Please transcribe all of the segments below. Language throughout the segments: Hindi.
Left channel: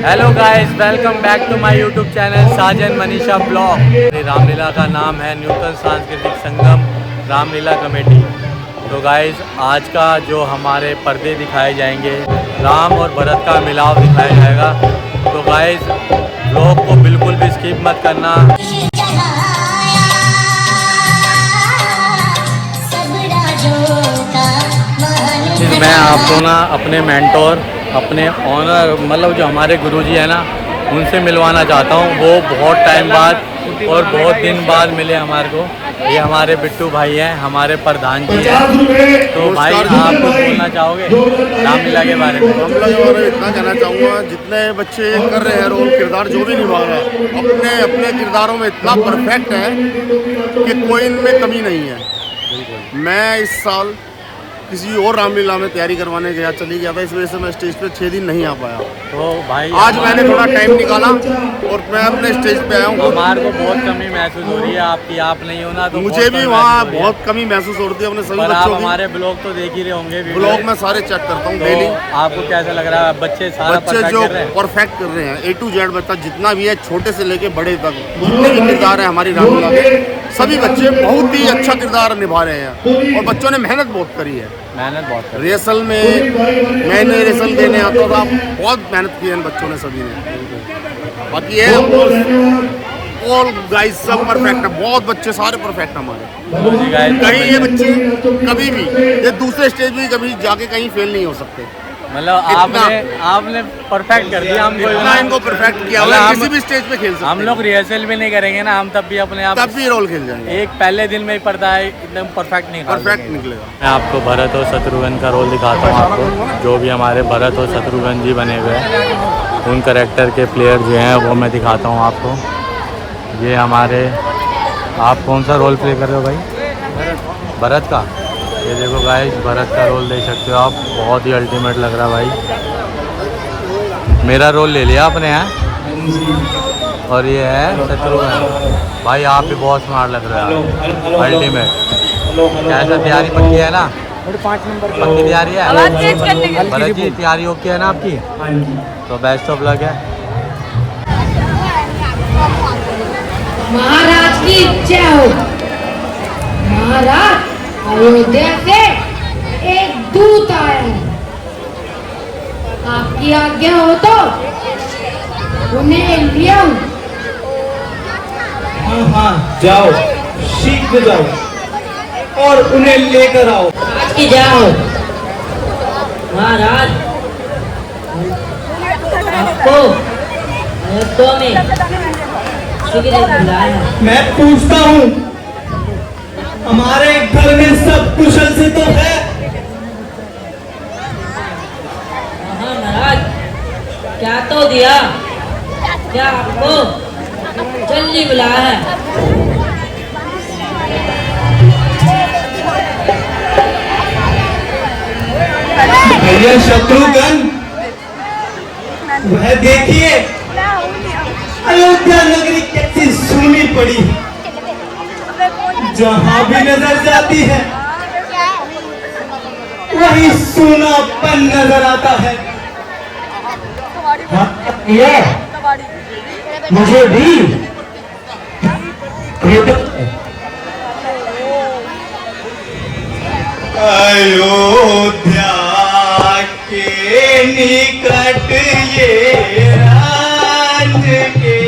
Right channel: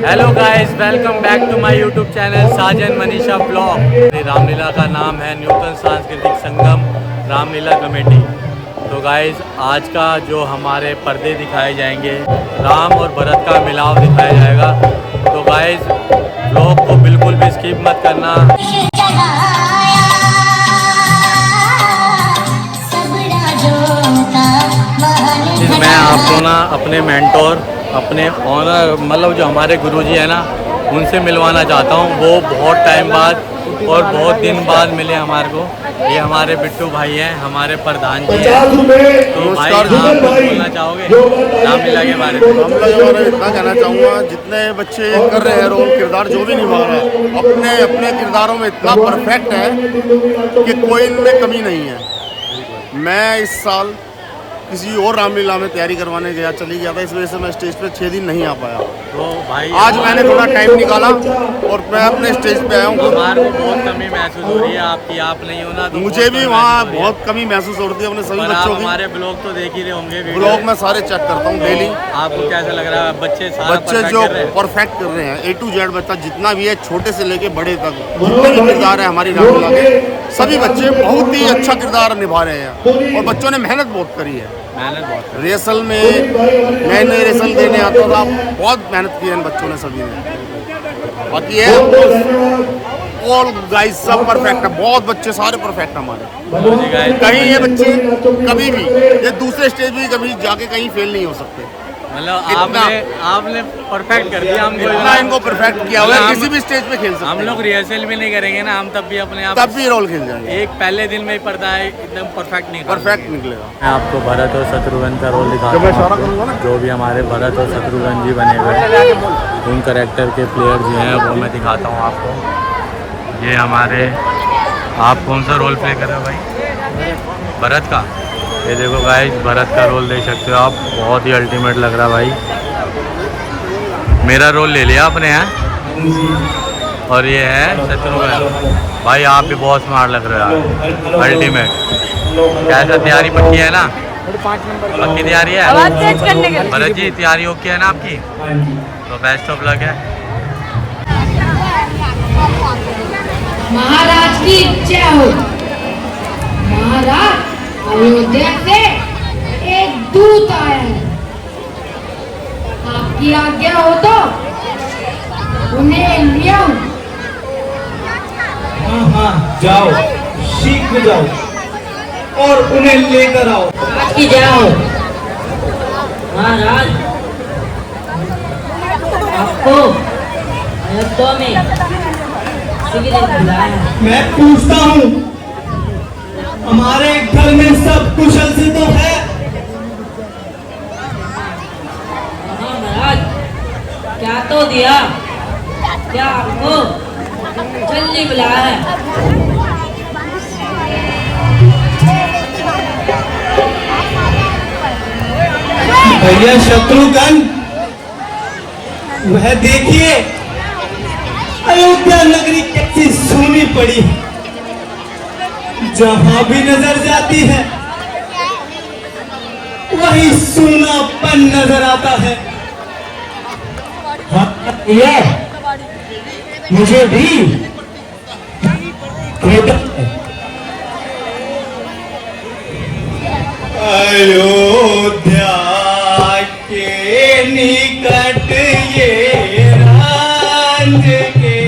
Hello guys, welcome back to my YouTube channel Sajan Manisha blog. Ramlila का नाम है नूतन सांस्कृतिक संगम रामलीला कमेटी। तो गाइस, आज का जो हमारे पर्दे दिखाए जाएंगे, राम और भरत का मिलाव दिखाया जाएगा। तो गाइस, ब्लॉग को बिल्कुल भी स्किप मत करना। मैं आपको ना अपने मेंटोर, अपने ऑनर, मतलब जो हमारे गुरुजी है ना, उनसे मिलवाना चाहता हूँ। वो बहुत टाइम बाद और बहुत दिन बाद मिले हमारे को। ये हमारे बिट्टू भाई हैं, हमारे प्रधान जी हैं। तो भाई, आप कुछ बोलना चाहोगे रामलीला के बारे में? रामलीला के बारे में इतना कहना चाहूँगा, जितने बच्चे कर रहे हैं रोल, किरदार जो भी निभा रहे हैं, अपने अपने किरदारों में इतना परफेक्ट है कि कोई इनमें कमी नहीं है। मैं इस साल किसी और रामलीला में तैयारी करवाने गया, चली गया था, इस वजह से मैं स्टेज पे 6 दिन नहीं आ पाया। तो भाई, आज मैंने थोड़ा टाइम निकाला और मैं अपने स्टेज पे आया हूँ। हमारे को बहुत कमी महसूस हो रही है आपकी, आप नहीं हो ना, तो मुझे भी वहाँ बहुत कमी महसूस हो रही है अपने सभी बच्चों की। हमारे ब्लॉग तो देख ही रहे होंगे, ब्लॉग में सारे चेक करता हूँ डेली। आपको कैसा लग रहा है? बच्चे जो परफेक्ट कर रहे हैं, A to Z बच्चा जितना भी है, छोटे से लेके बड़े तक, जितने भी किरदार है हमारी रामलीला के, सभी बच्चे बहुत ही अच्छा किरदार निभा रहे हैं। और बच्चों ने मेहनत बहुत करी है। रिहर्सल में नए नए रिहर्सल देने आता था, बहुत मेहनत की है इन बच्चों ने, सभी ने। बाकी ये ऑल गाइस सब परफेक्ट है, बहुत बच्चे सारे परफेक्ट हमारे। कहीं ये बच्चे कभी भी ये दूसरे स्टेज भी कभी जाके कहीं फेल नहीं हो सकते। मतलब आपने परफेक्ट कर दिया हमको, इनको परफेक्ट किया हुआ है, किसी भी स्टेज पे खेल सकते हैं। हम लोग रिहर्सल भी नहीं करेंगे ना, हम तब भी अपने आप तब भी रोल खेल जाएंगे। एक पहले दिन में ही पड़ता है, एकदम परफेक्ट निकलेगा। मैं आपको भरत और शत्रुघ्न का रोल दिखाता हूँ। आपको जो भी हमारे भरत और शत्रुघ्न जी बने हुए हैं, उन कैरेक्टर के प्लेयर जो हैं वो मैं दिखाता हूँ आपको। ये हमारे, आप कौन सा रोल प्ले कर रहे हो भाई? भरत का। ये देखो गाइस, भरत का रोल देख सकते हो आप, बहुत ही अल्टीमेट लग रहा है भाई। मेरा रोल ले लिया आपने, हैं? और ये है शत्रुघ्न भाई, आप भी बहुत स्मार्ट लग रहे हो यार, अल्टीमेट। कैसा तैयारी पक्की है ना? पक्की तैयारी है भरत जी? तैयारी ओके है ना आपकी? तो बेस्ट ऑफ लक है। महाराज की जय हो। महाराज, अयोध्या से एक दूत आया है, आपकी आज्ञा हो तो उन्हें लिया हूं। हाँ, जाओ, शीघ्र जाओ और उन्हें लेकर आओ। आज की जय हो। महाराज, आपको अयोध्या में मैं पूछता हूँ, हमारे घर में सब कुशल से तो है? हाँ महाराज, क्या तो दिया, क्या आपको जल्दी बुलाया है? भैया शत्रुघ्न, वह देखिए अयोध्या नगरी कैसी सूनी पड़ी, जहां भी नजर जाती है वही सूनापन नजर आता है। ये मुझे भी अयोध्या के निकट ये राज के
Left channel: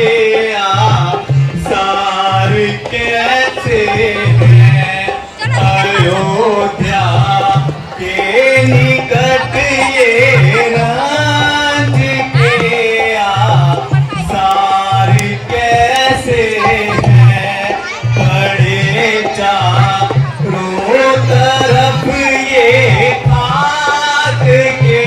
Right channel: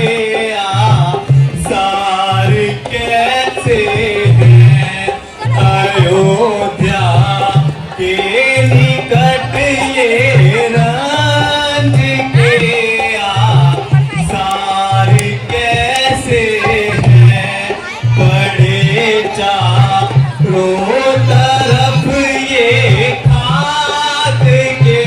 आसार कैसे हैं? अयोध्या के निकट ये राज के आसार कैसे हैं? बड़े चारों तरफ ये खाद के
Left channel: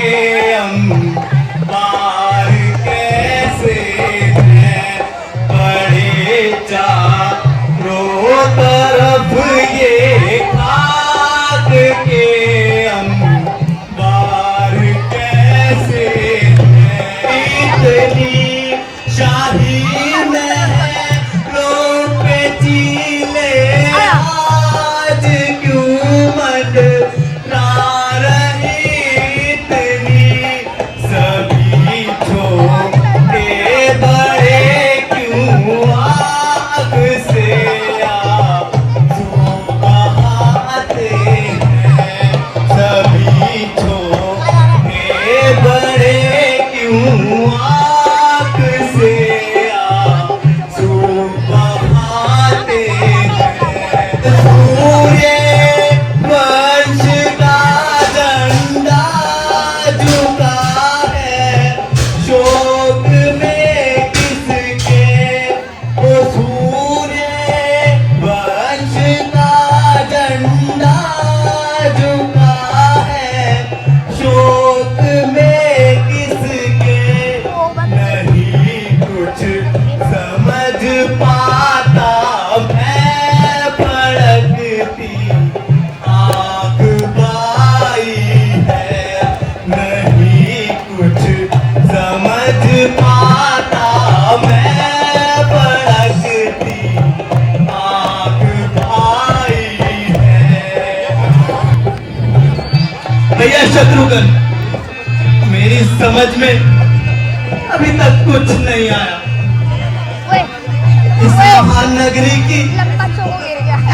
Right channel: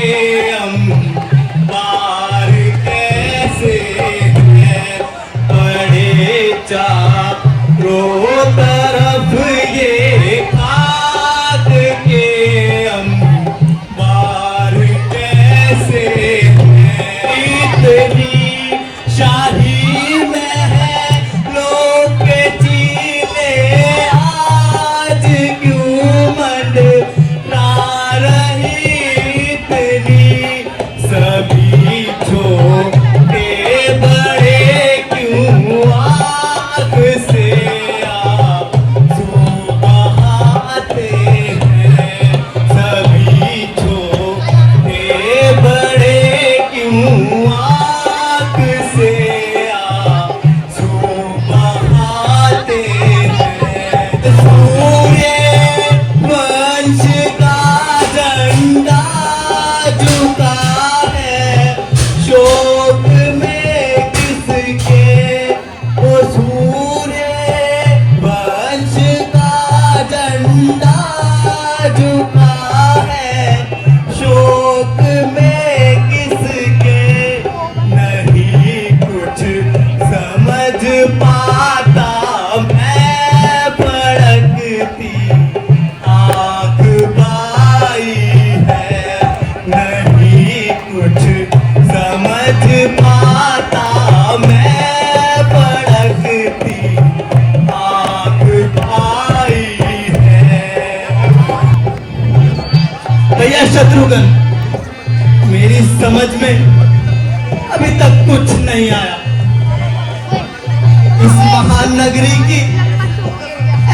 महानगरी की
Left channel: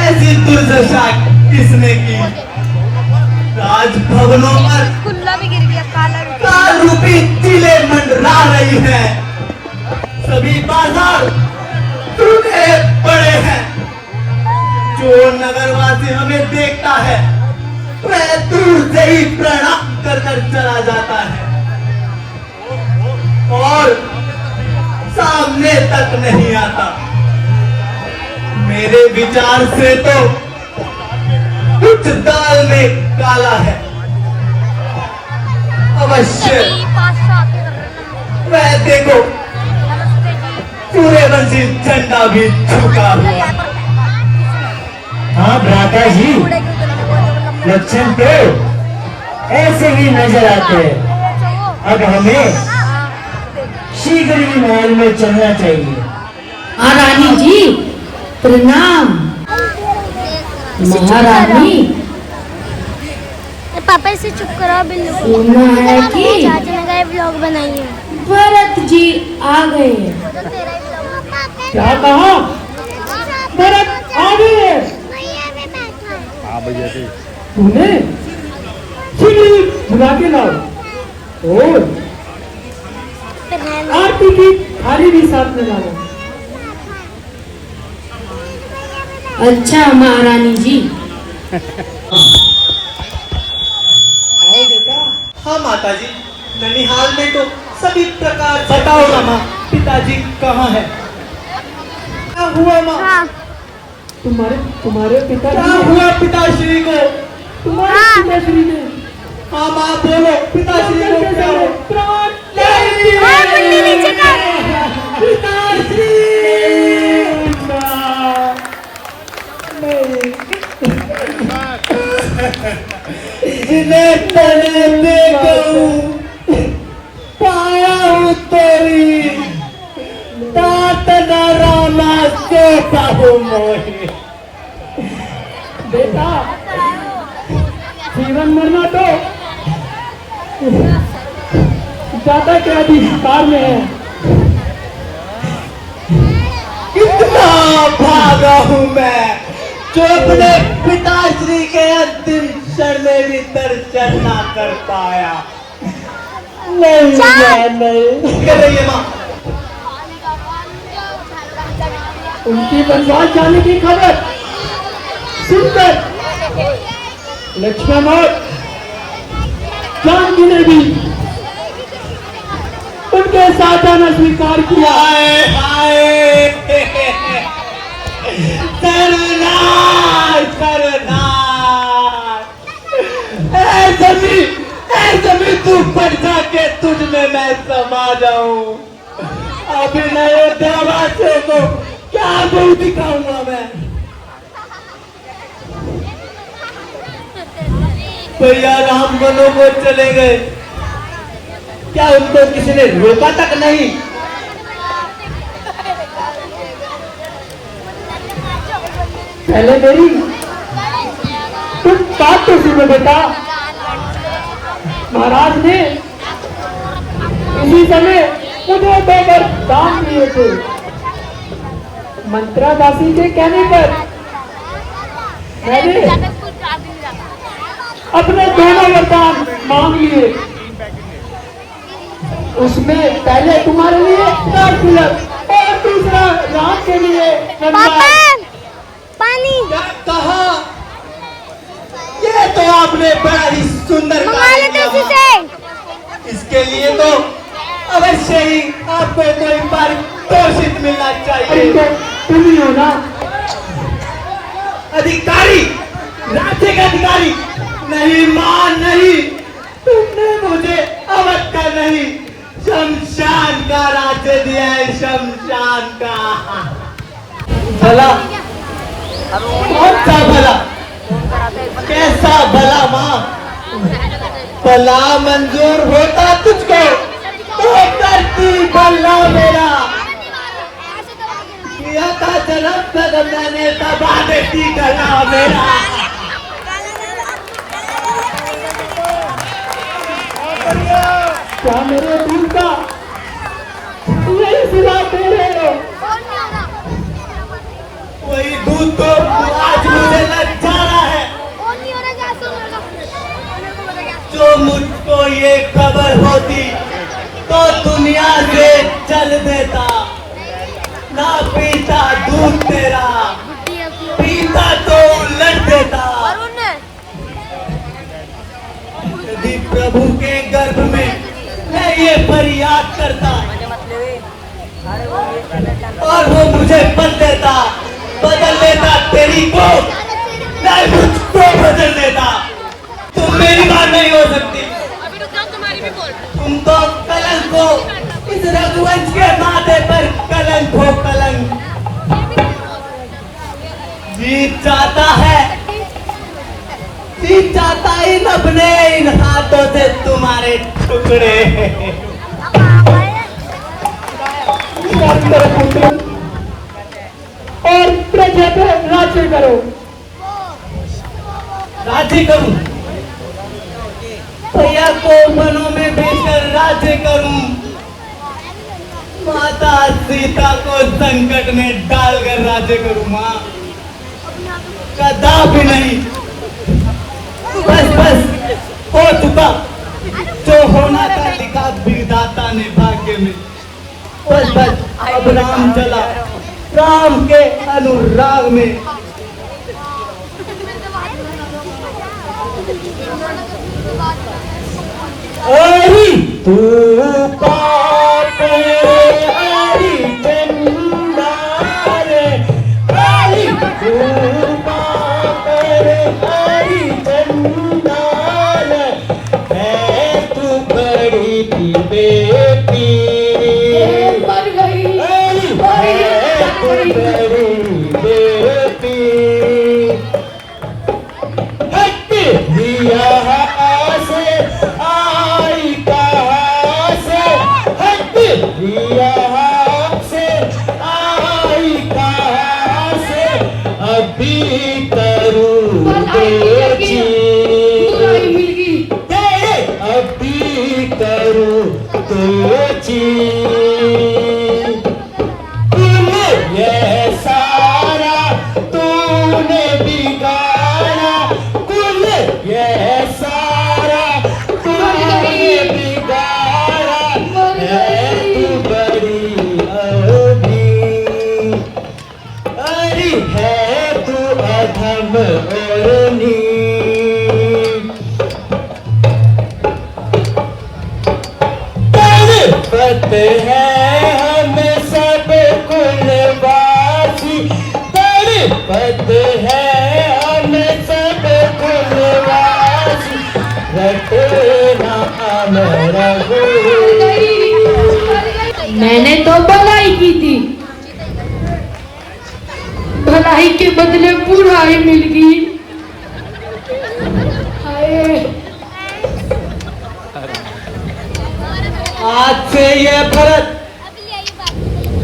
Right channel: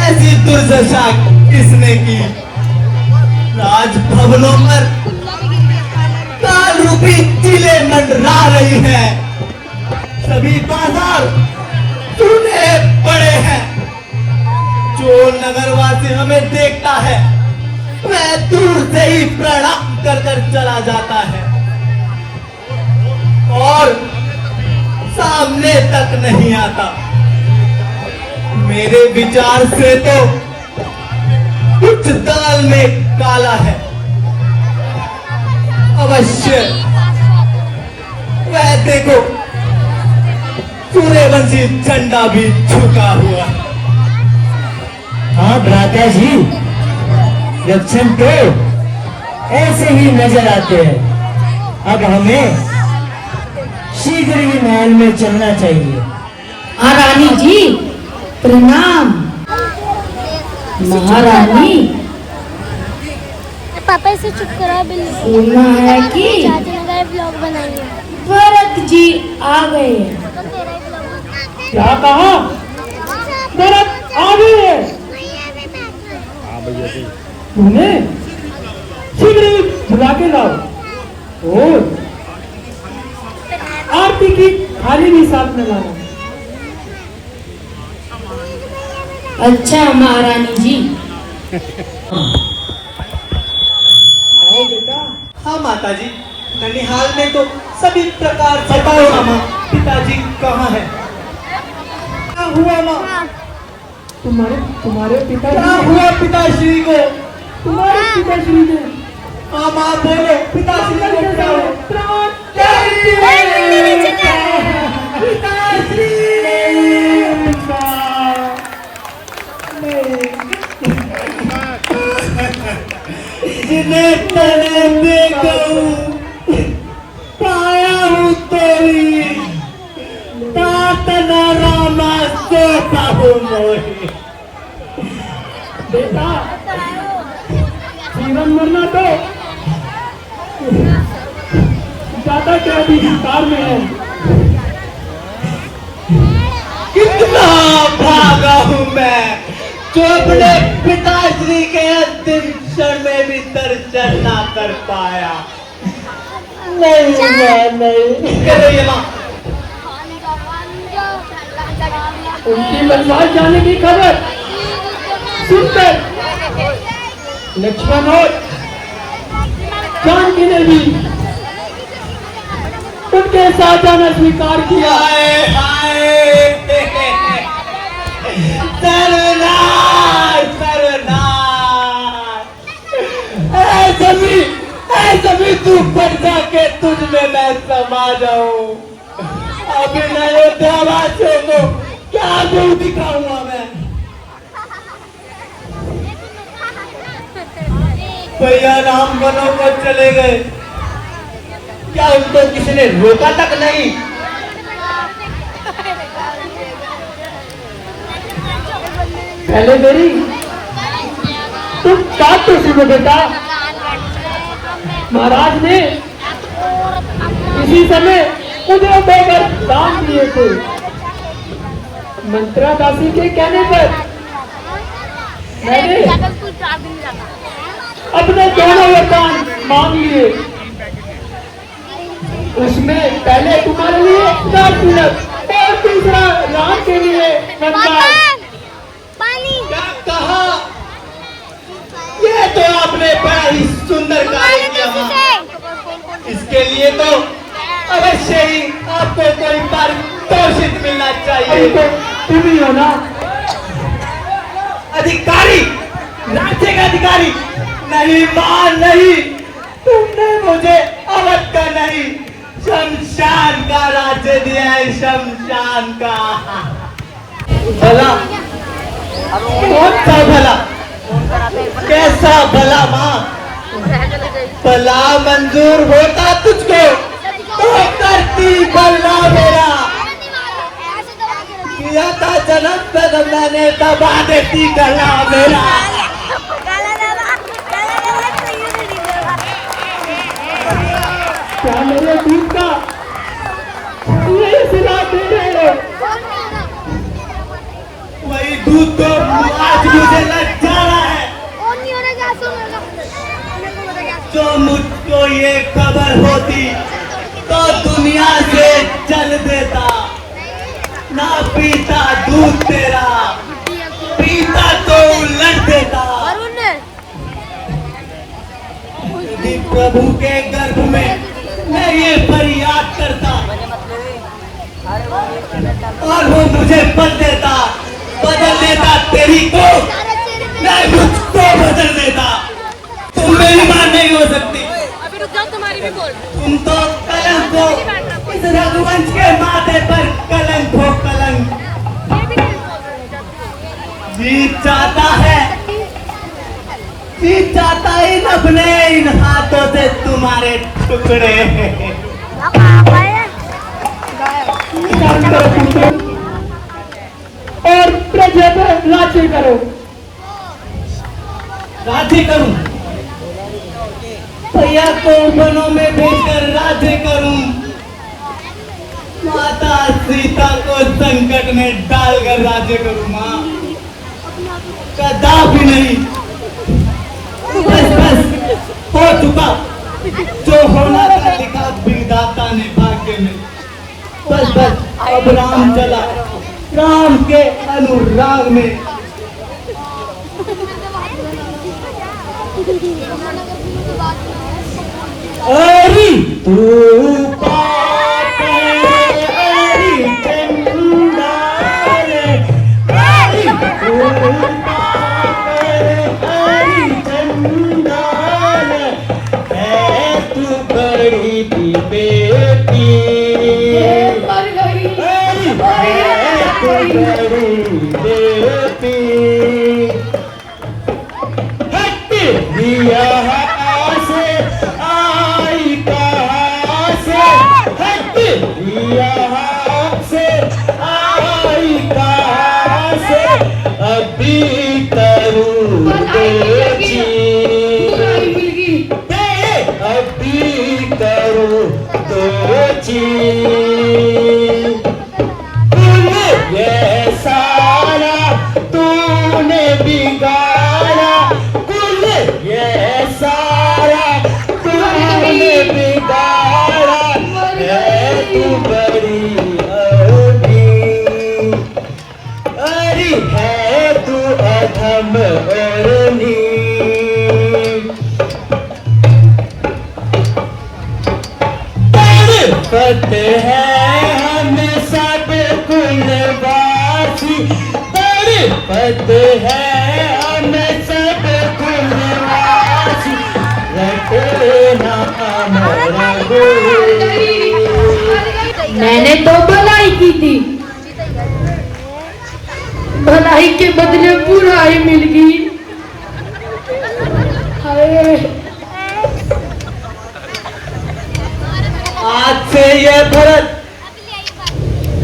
ऐसी दुर्दशा किसने की? राजभवनों पर काल रूपी चिले मंडरा रही है, सभी बाजार टूटे पड़े हैं। जो नगरवासी हमें देखता है वह दूर से ही प्रणाम कर चला जाता है और सामने तक नहीं आता। मेरे विचार से तो कुछ दाल में काला है। अवश्य वह देखो, सूर्यवंशी झंडा भी झुका हुआ है। हाँ भ्राता जी, लक्षण तो ऐसे ही नजर आते हैं। अब हमें शीघ्र ही महल में चलना चाहिए। रानी जी प्रणाम। महारानी, पापा से सुना है कि भरत जी आ गए हैं। क्या कहा? भरत आ गए हैं। उन्हें शीघ्र ही बुला के लाओ और आरती की थाली भी साथ में लाओ। अच्छा महारानी जी। हाँ माता जी, ननिहाल में तो सभी प्रकार। बताओ मामा, पिताजी कहाँ है? क्या हुआ माँ? तुम्हारे पिताजी? क्या हुआ पिताश्री को? तुम्हारे पिताश्री ने? हाँ माँ बोलो, पिताश्री को क्या हुआ? पिताश्री! जिन्हें तने देखूं पाया हूँ तेरी तातना रामा सोता हूँ मोहे। बेटा, जीवन मरना तो दादा के अधिकार में है। कितना भागा हूँ मैं, जो अपने पिताश्री के अंतिम क्षण में भी दर्शन ना कर पाया। नहीं माँ, उनकी वनवास जाने की खबर सुनकर लक्ष्मण और जानकी ने भी उनके साथ जाना स्वीकार किया। ऐसे तू पर जाके तुझ में मैं समा जाऊं। अभी अयोध्यावासियों को क्या मुंह दिखाऊंगा मैं? भैया राम वनों को चले गए, क्या उनको किसी ने रोका तक नहीं? पहले मेरी तुम बात तो सुनो बेटा। महाराज ने इसी समय मुझे देकर दान दिए थे। मंत्रा दासी के कहने पर मैंने अपने दोनों वरदान मांग लिए। उसमें पहले तुम्हारे लिए तिलक और दूसरा राम के लिए पानी। क्या कहा? ये तो आपने बड़ा ही सुंदर कार्य किया। इसके लिए तो अवश्य ही आपको एक बार तोषित मिलना चाहिए। तुम ही हो ना अधिकारी, राज्य का अधिकारी? नहीं मां नहीं, तुमने मुझे अवध का नहीं शमशान का राज्य दिया है। शमशान का भला, बहुत सा भला। कैसा भला मां? भला मंजूर होता तुझको तो करती भला मेरा। किया था जन्म तक मैंने दबा देती गला मेरा। क्या मेरे दिल का यही सिला दे रहे हो? मुझको ये खबर होती तो दुनिया से चल देता। ना पीता दूध तेरा, पीता तो उलट देता। यदि प्रभु के गर्भ में मैं ये फरियाद करता और वो मुझे बदल लेता तेरी को, मैं मुझको बदल लेता। तुम मेरी बात नहीं हो सकती। तुम तो कलंक हो, इस रघुवंश के माथे पर कलंक हो, कलंक। जीत चाहता है इन अपने इन हाथों से तुम्हारे टुकड़े। और प्रजा को राज्य करो। राज्य करूं, भैया को मनों में भेजकर राज्य करूं, माता सीता को संकट में डालकर राज्य करूं। मां कदापि नहीं। बस हो चुका जो होना था, लिखा विधाता ने भाग्य में। बस अब राम चला राम के अनुराग में। तू करते हैं हम सब कुलवासी, करते हैं हम सब कुलवासी, मैंने तो भलाई की थी, भलाई के बदले बुराई मिल गई। आज से यह भरत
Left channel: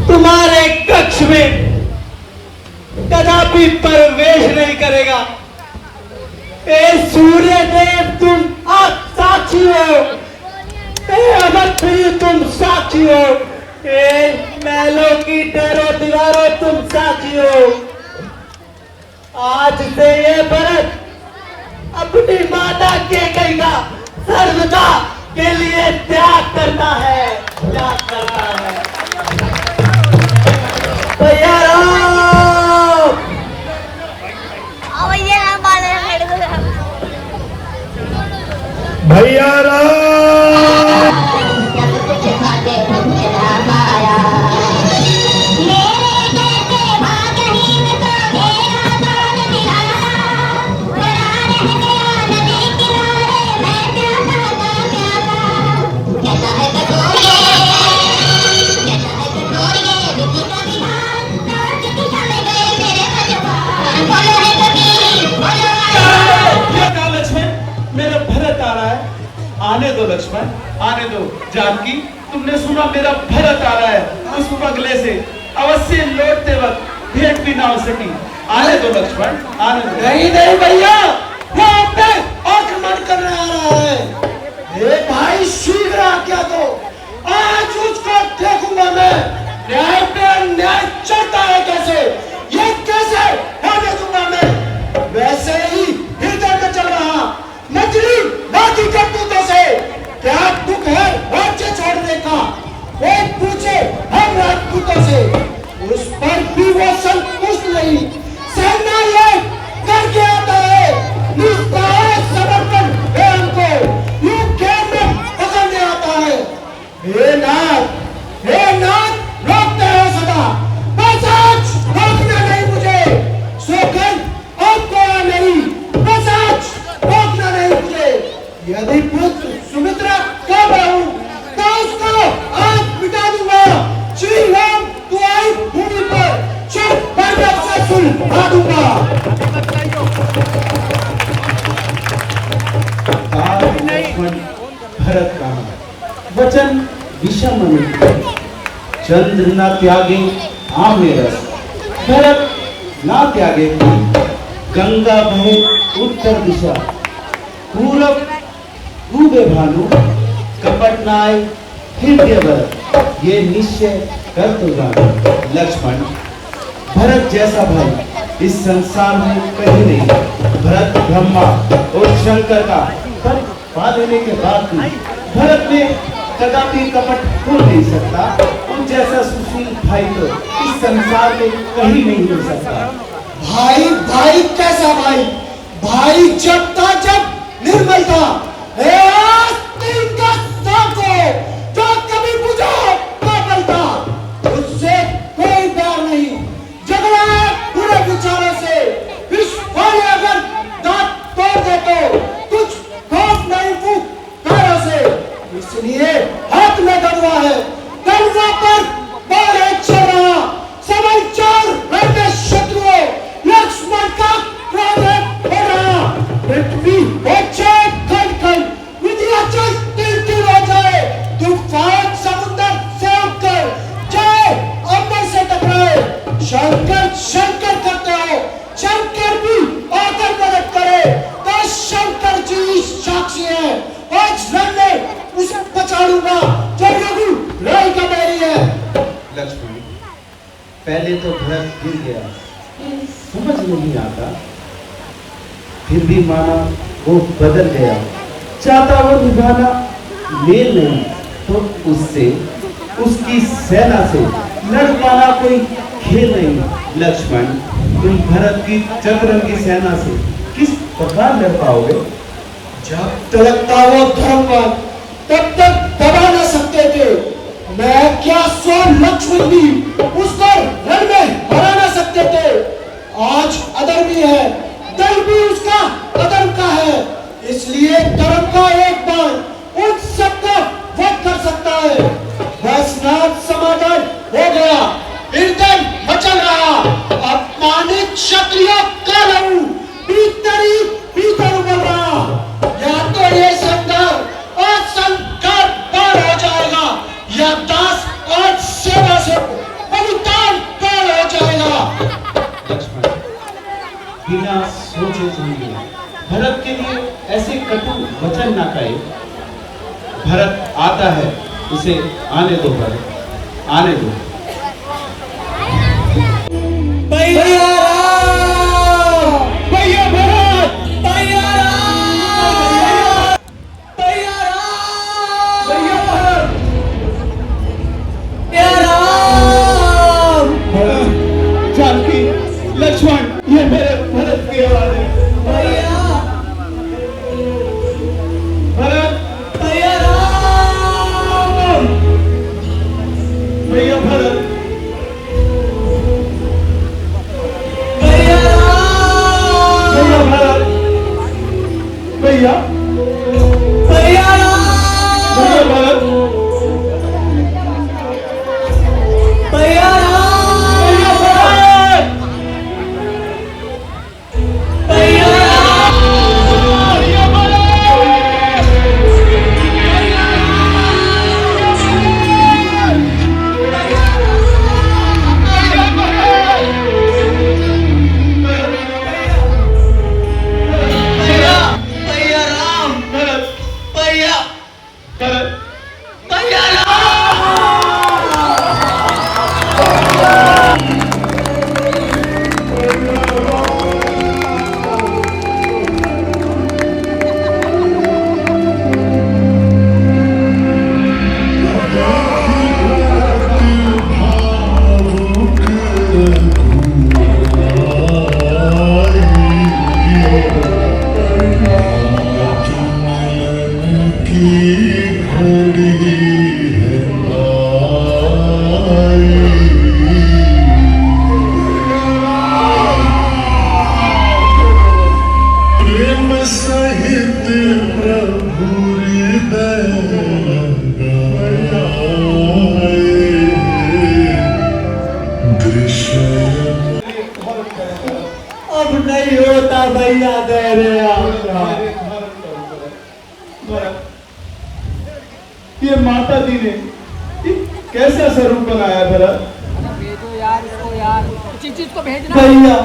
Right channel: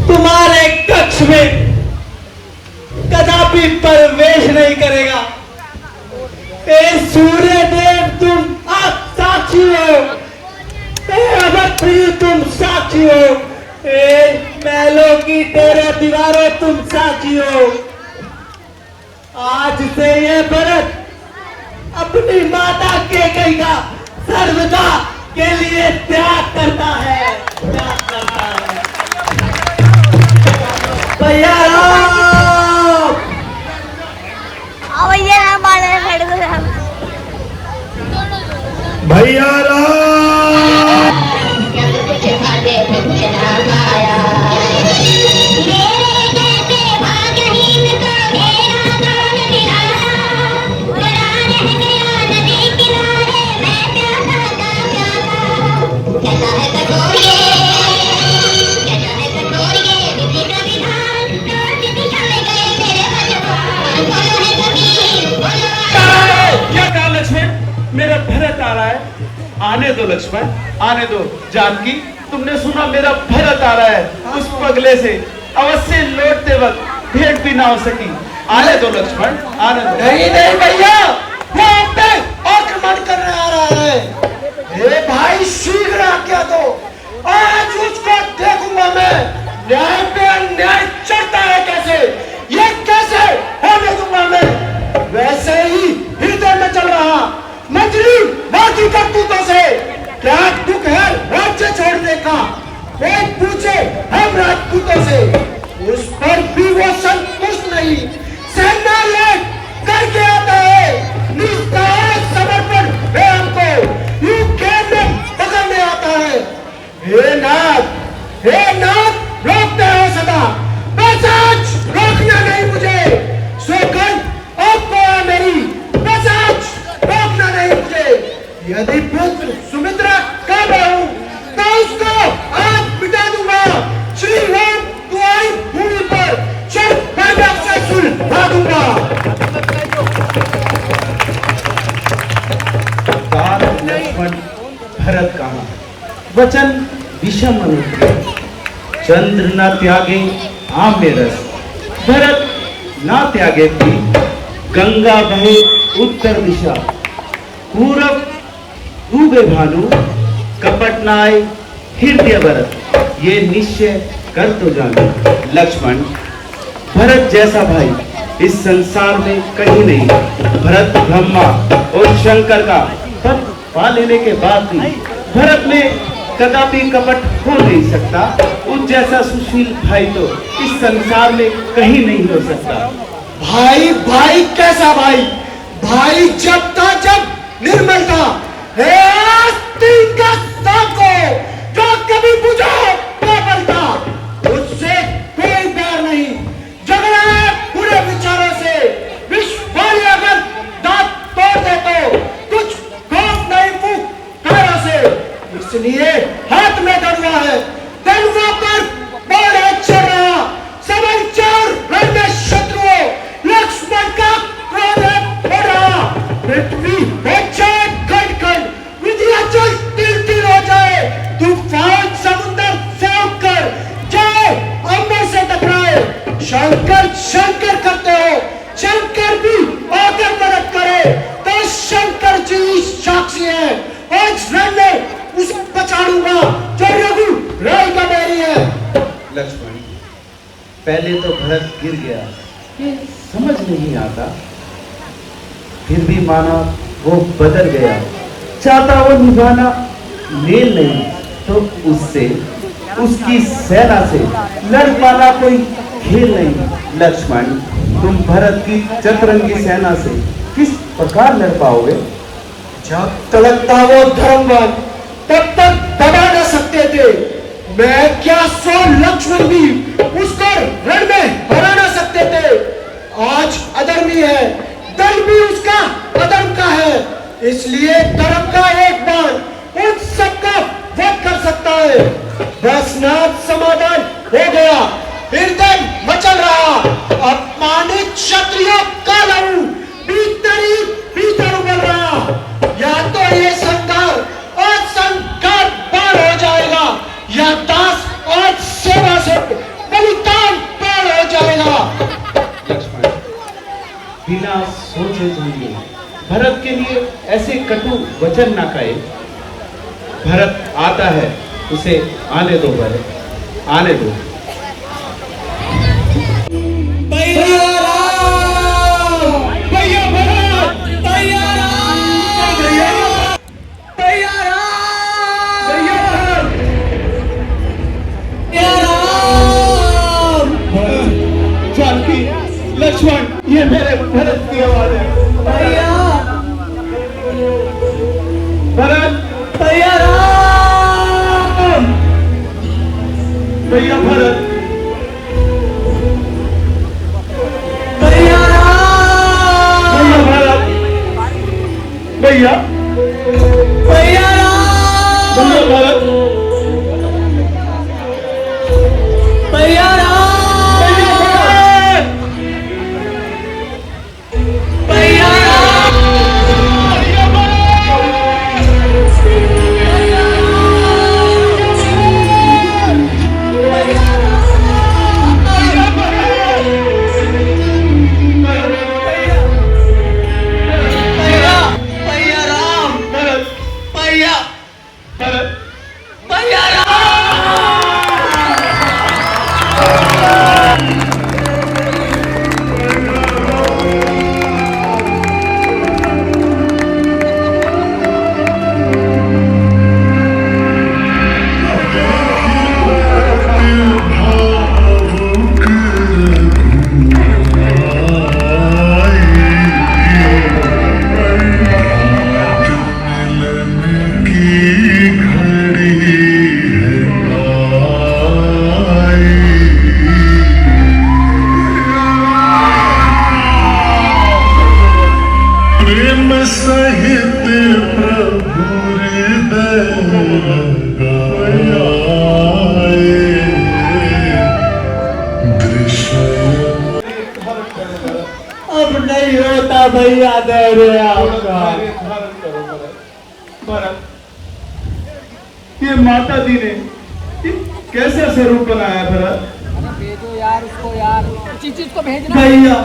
तुम्हारे कक्ष में कदापि प्रवेश नहीं करेगा। ए सूर्य देव तुम आज साक्षी हो, अगस्त्य तुम साक्षी हो, महलों की तेरे दीवारों तुम साक्षी हो। आज से यह भरत अपनी माता के गंगा सर्वदा के लिए त्याग करता है, त्याग करता है। भैया भैया मेरा भरत आ रहा है। आने दो लक्ष्मण, आने दो। जानकी, तुमने सुना मेरा भरत आ रहा है। उस पगले से अवश्य लौटते वक्त भेंट भी ना हो सकी। आने दो लक्ष्मण, आने दो। नहीं नहीं भैया, आक्रमण करने आ रहा है। भाई शीघ्र आज्ञा दो, आज उसको देखूंगा मैं। न्याय पे अन्याय चढ़ता है कैसे, ये कैसे होने दूंगा मैं। वैसे ही हृदय में चल रहा मजली ना की करतूतों से बातों से, उस पर भी वो संतुष्ट नहीं, सेना ये करके आता है, निष्ठा समर्पण प्रेम को यूं खेल में पकड़ने आता है। हे नाथ रोकते हो सदा, बस आज रोकना नहीं मुझे, सौगंध आपको है मेरी, बस आज रोकना नहीं मुझे। यदि पुत्र सुमित्रा का रहूं तो उसको आज मिटा दूंगा। श्री राम तुम्हारी भूमि पर चढ़ पांडव से सुलझा दूंगा। भरत कहा वचन विषम नहीं, चंद्र न त्यागे आम्र रस, भरत ना त्यागे थी गंगा बहे उत्तर दिशा, पूरब उगे भानु कपट नाय हृदय भरत, ये निश्चय कर तो जानो लक्ष्मण, भरत जैसा भाई इस संसार में कहीं नहीं। भरत ब्रह्मा और शंकर का पद पा लेने के बाद भी भरत में कदापि कपट हो नहीं सकता। उन जैसा सुशील भाई तो इस संसार में कहीं नहीं हो सकता। भाई कैसा भाई? भाई जब था जब निर्मल था, आस्तीन का साको जो कभी बुझा पागल था, उससे कोई डर नहीं, झगड़ा है पूरे विचारों से। विश्व अगर दांत तोड़ दे तो कुछ खौफ नहीं फूंकारों से, इसलिए हाथ में दड़ुआ है, दड़ुआ पर बाढ़ चढ़ रहा, समाचार रण में शत्रुओं, लक्ष्मण का क्रोध हो रहा, पृथ्वी हो जाए खंड-खंड, विंध्याचल तिल-तिल हो जाए, तूफान समुद्र से उठकर जाए अंबर से टकराए। शंकर करते हो, शंकर भी आकर मदद करे तो शंकर जी साक्षी है, आज रण में उसे पछाड़ूंगा जो रघु राय का बैरी है। लक्ष्मण पहले तो भरत गिर गया, समझ नहीं आता, फिर भी माना वो बदल गया, चाहता वो निभाना मेल नहीं तो उससे उसकी सेना से लड़ पाना कोई खेल नहीं। लक्ष्मण तुम भरत की चतुरंगी सेना से किस प्रकार लड़ पाओगे? जब तक था वो धर्मवान तब तक दबा न सकते थे, मैं क्या सो लक्ष्मण भी उसको रण में हरा न सकते थे। आज अधर्मी है, दल भी उसका अधर्म का है, इसलिए धर्म का एक बाण उन सबका वध कर सकता है। बस नाथ समाधान हो गया, फिर मचल रहा, अपमानित क्षत्रियों का रहूं भीतर उबल रहा, या तो ये संघार और संघार पार हो जाएगा, या दास और सेवा से बलिदान पार हो जाएगा। लक्ष्मण बिना सोचे समझे भरत के लिए ऐसे कटु वचन ना कहे। भरत आता है, उसे आने दो भरत, आने दो। जानकी, लक्ष्मण, ये मेरे भरत की आवाज है। भरत, भैया भरत, भैया अब नहीं होता भैया धैर्य आपका। भरत, ये माता दी ने ये कैसे स्वरूप बनाया भरत? भेजो यार इसको यार, चीज को भेजना भैया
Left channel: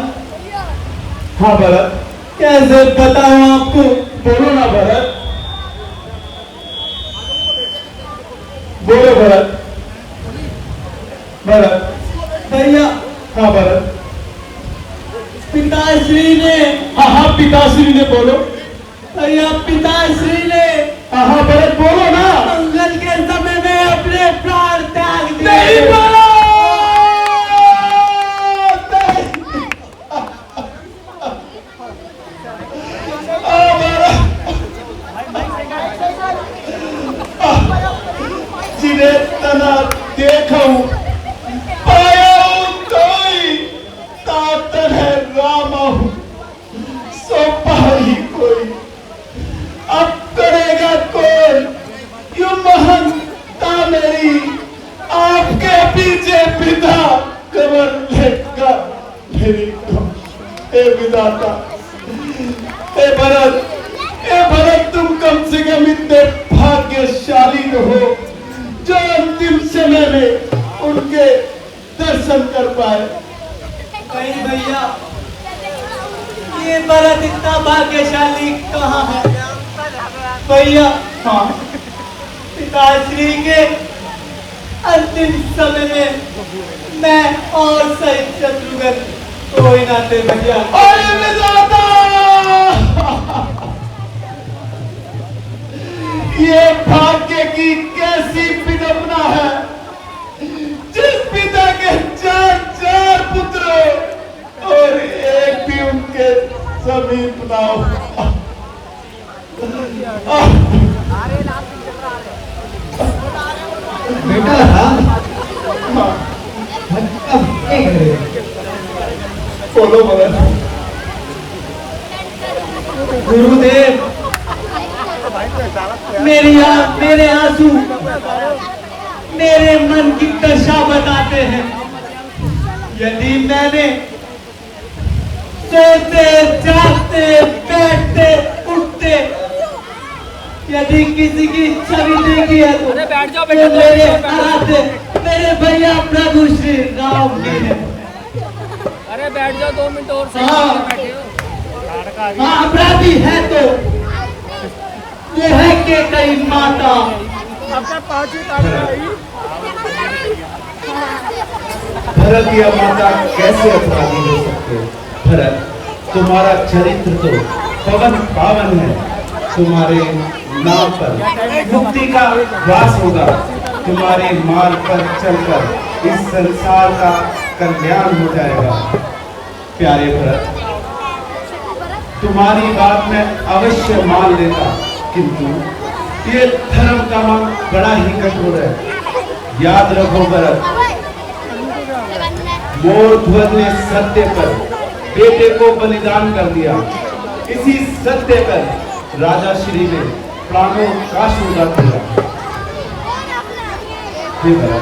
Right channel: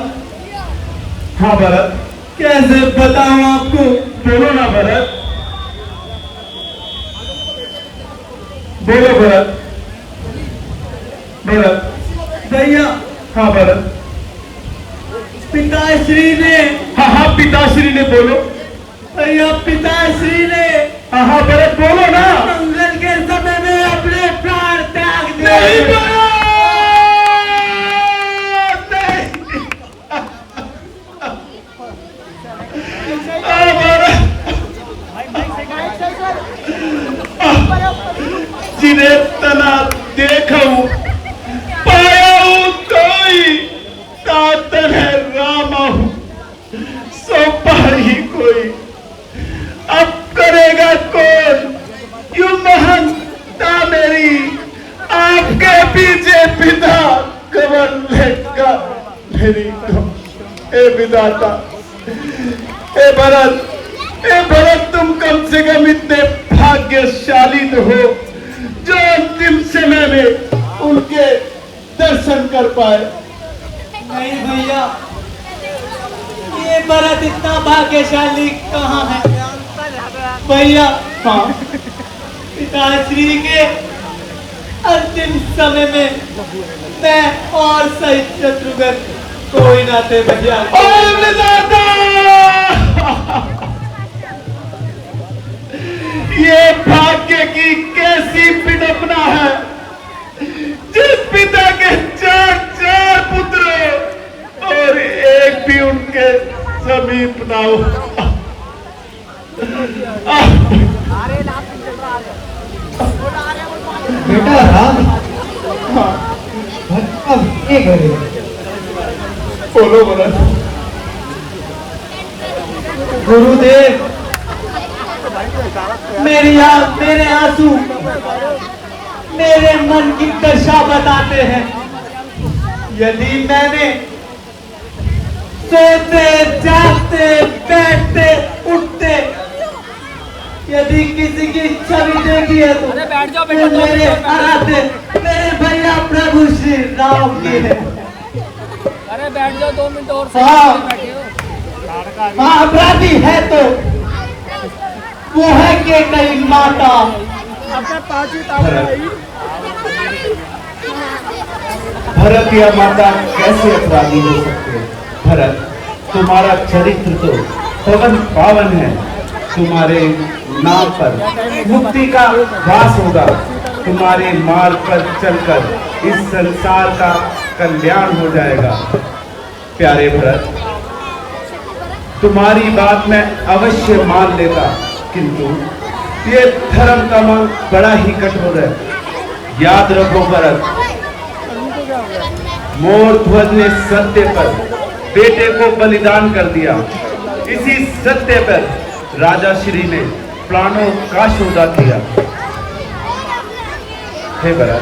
हाँ भरत, कैसे बताऊं आपको? बोलो ना भरत, बोलो भरत। भरत, भैया हाँ भरत, पिताश्री ने, हाँ हाँ पिताश्री ने, बोलो। भैया पिताश्री ने हाँ भरत, बोलो ना। मंगल के समय में अपने प्राण त्याग दिए। नहीं भरत, जिन्हें तना देखा हूं, पाया हूं कोई, तातन है रामा हूं, सो पाही कोई, अब करेगा कौन यू महंता मेरी, आपके पीछे पिता कमर लेगा मेरी को। ए विधाता, ए भरत, तुम कम से कम इतने भाग्यशाली तो हो जो अंतिम समय में उनके दर्शन कर पाए। नहीं भैया, ये भरत इतना भाग्यशाली कहाँ है? भैया हाँ पिताश्री के अंतिम समय में मैं और सहित शत्रुघ्न कोई ना थे भैया। ओए विधाता, ये भाग्य की कैसी विडंबना है, जिस पिता के चार पुत्र और एक भी उनके समीप ना हो। बेटा राम, अब क्या करें? बोलो भरत। गुरुदेव, मेरे आंसू मेरे मन की दशा बताते हैं। यदि मैंने सोते जागते बैठते उठते यदि किसी की छवि देखी है तो अरे बैठ जाओ बेटा, मेरे आराध्य मेरे भैया प्रभु श्री राम की है। अरे बैठ जाओ 2 मिनट और, हाँ। बैठे हो। हाँ अपराधी है तो वो है के कई माता। भरत या माता कैसे अपराधी हो सकते हो? भरत, तुम्हारा चरित्र तो पवन पावन है, तुम्हारे नाम पर मुक्ति का वास होगा, तुम्हारे मार्ग पर चलकर इस संसार का कल्याण हो जाएगा। प्यारे भरत, तुम्हारी बात मैं अवश्य मान लेता, किंतु ये धर्म का मांग बड़ा ही कठोर है। याद रखो भरत, मोर ध्वज ने सत्य पर बेटे को बलिदान कर दिया, इसी सत्य पर राजा श्री ने प्राणों का सौदा किया। हे भरत,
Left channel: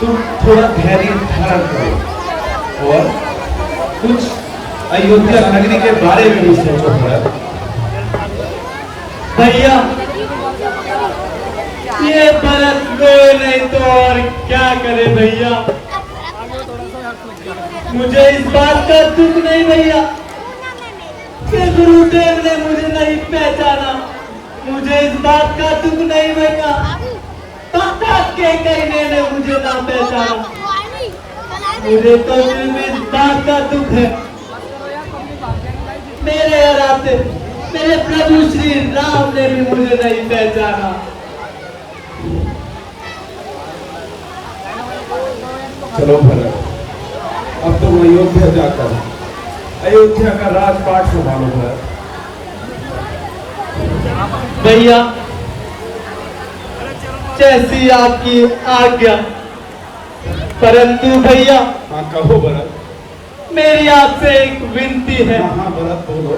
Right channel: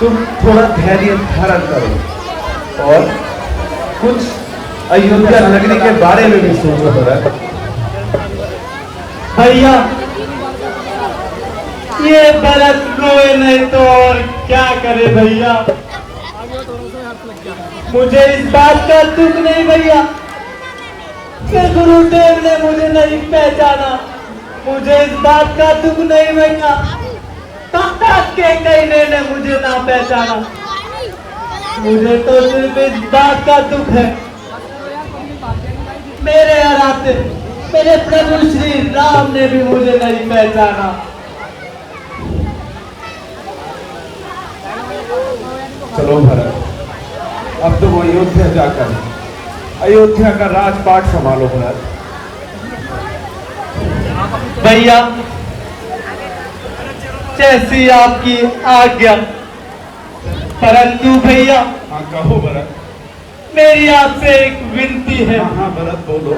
तुम थोड़ा धैर्य धारण करो और कुछ अयोध्या नगरी के बारे में भी सोचो भरत। भैया ये भरत रोए नहीं तो और क्या करे भैया। मुझे इस बात का दुख नहीं भैया कि गुरुदेव ने मुझे नहीं पहचाना। मुझे इस बात का दुख नहीं भैया ताता के कहने ने मुझे ना पहचाना। मुझे तो सिर्फ इस बात का दुख है मेरे आराध्य मेरे प्रभु श्री राम ने भी मुझे नहीं पहचाना। चलो भरत, अब तुम अयोध्या जाकर अयोध्या का राजपाट संभालो भरत। भैया जैसी आपकी आज्ञा, परंतु भैया हाँ कहो भरत। मेरी आपसे एक विनती है। हाँ हाँ भरत बोलो।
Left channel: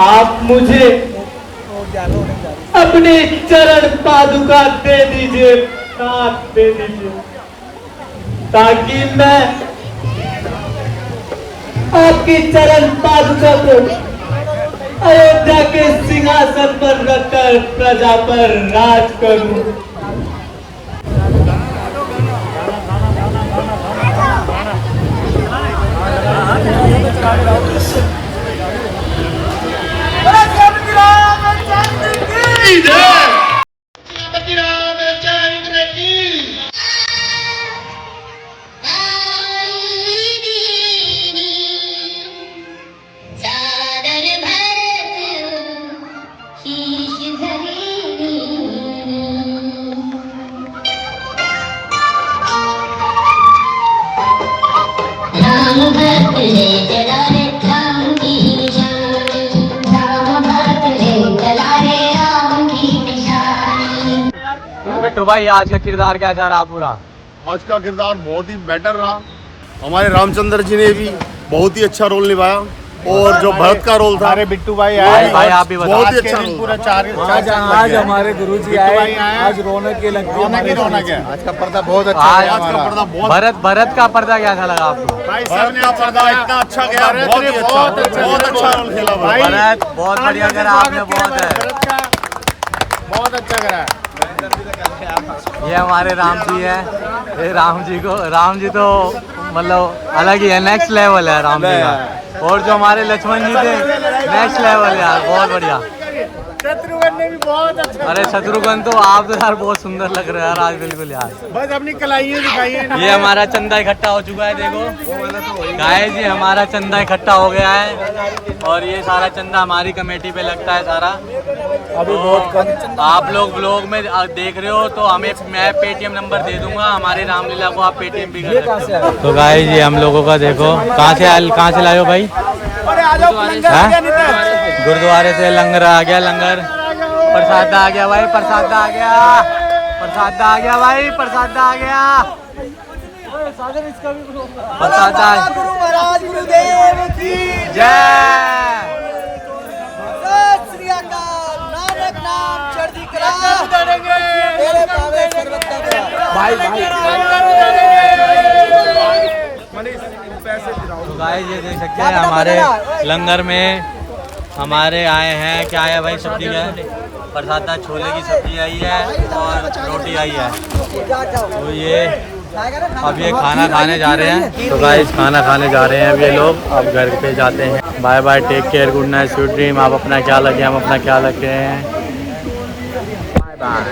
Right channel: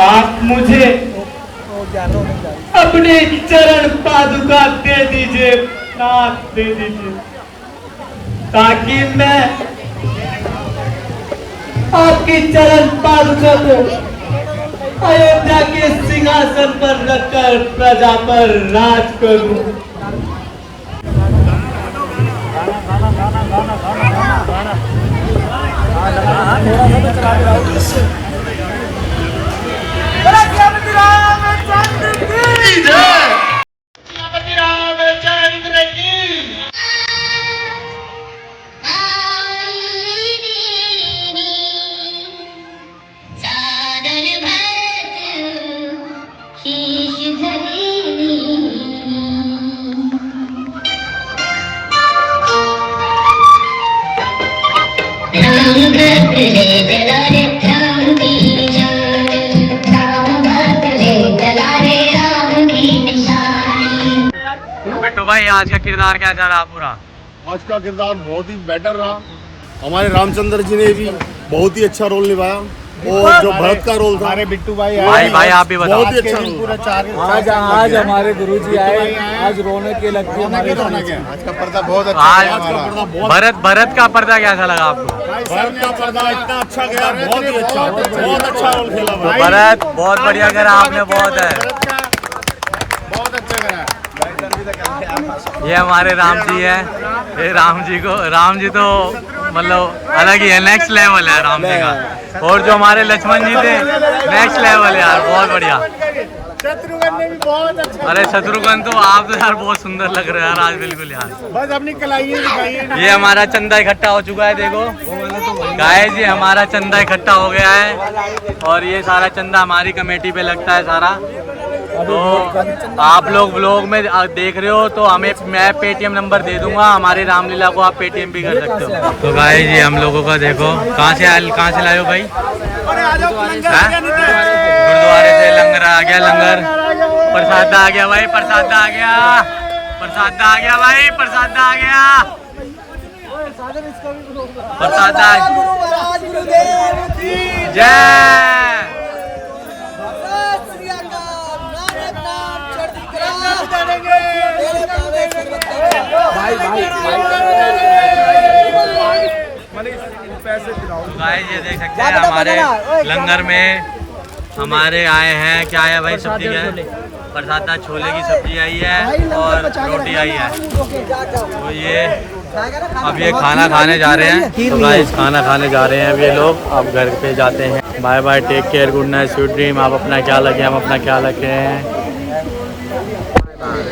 आप मुझे अपनी चरण पादुका दे दीजिए, नाथ दे दीजिए, ताकि मैं आपकी चरण पादुका को अयोध्या के सिंहासन पर रखकर प्रजा पर राज करूं। बिट्टू भाई आज का किरदार कैसा रहा पूरा? आज का किरदार बहुत ही बेटर रहा। हमारे रामचंद्र जी ने भी बहुत ही अच्छा रोल निभाया और जो भरत का रोल था, अरे बिट्टू भाई भाई आप भी बताओ। बहुत ही अच्छा रोल था। आज हमारे गुरुजी आए, आज रौनक लगती है हमारी रौनक है। आज का पर्दा बहुत अच्छा, आज आज का पर्दा बहुत, भरत का पर्दा कैसा लगा आपको? भरत का पर्दा इतना अच्छा गया, बहुत ही अच्छा, बहुत अच्छा रोल खेला भाई। भरत बहुत बढ़िया करा आपने, बहुत है। बहुत अच्छा करा। ये हमारे राम जी है। ये राम जी तो मतलब अलग ही है, नेक्स्ट लेवल है राम जी का। और जो हमारे लक्ष्मण जी थे नेक्स्ट लेवल यार, बहुत बढ़िया। शत्रुघ्न ने भी बहुत अच्छा, अरे शत्रुघ्न तो आप तो यार बहुत सुंदर लग रहे हैं यार आज, बिल्कुल यार। बस अपनी कलाइयाँ दिखाई है। ये हमारा चंदा इकट्ठा हो चुका है, देखो गाइस जी हमारा चंदा इकट्ठा हो गया है और ये सारा चंदा हमारी कमेटी पे लगता है सारा। तो आप लोग व्लॉग में देख रहे हो तो हमें मैं पेटीएम नंबर दे दूंगा, हमारे रामलीला को आप पेटीएम भी कर सकते हो। तो गाइस ये हम लोगों का देखो कहाँ से लाए हो भाई? गुरुद्वारे से लंगर आ गया, लंगर प्रसाद आ गया भाई, प्रसाद आ गया, प्रसाद आ गया भाई, प्रसाद आ गया, प्रसाद आ गया। गुरुदेव की जय। तो गाइस ये देख सकते हैं हमारे लंगर में हमारे आए हैं, क्या है भाई? सब्जी है, प्रसादा छोले की सब्जी आई है और रोटी आई है। तो ये अब ये खाना खाने जा रहे हैं। तो गाइस खाना खाने जा रहे हैं अब ये लोग, अब घर पे जाते हैं। Bye bye, take care, good night, sweet dream. आप अपना ख्याल रखें, हम अपना ख्याल रखें। Bye bye.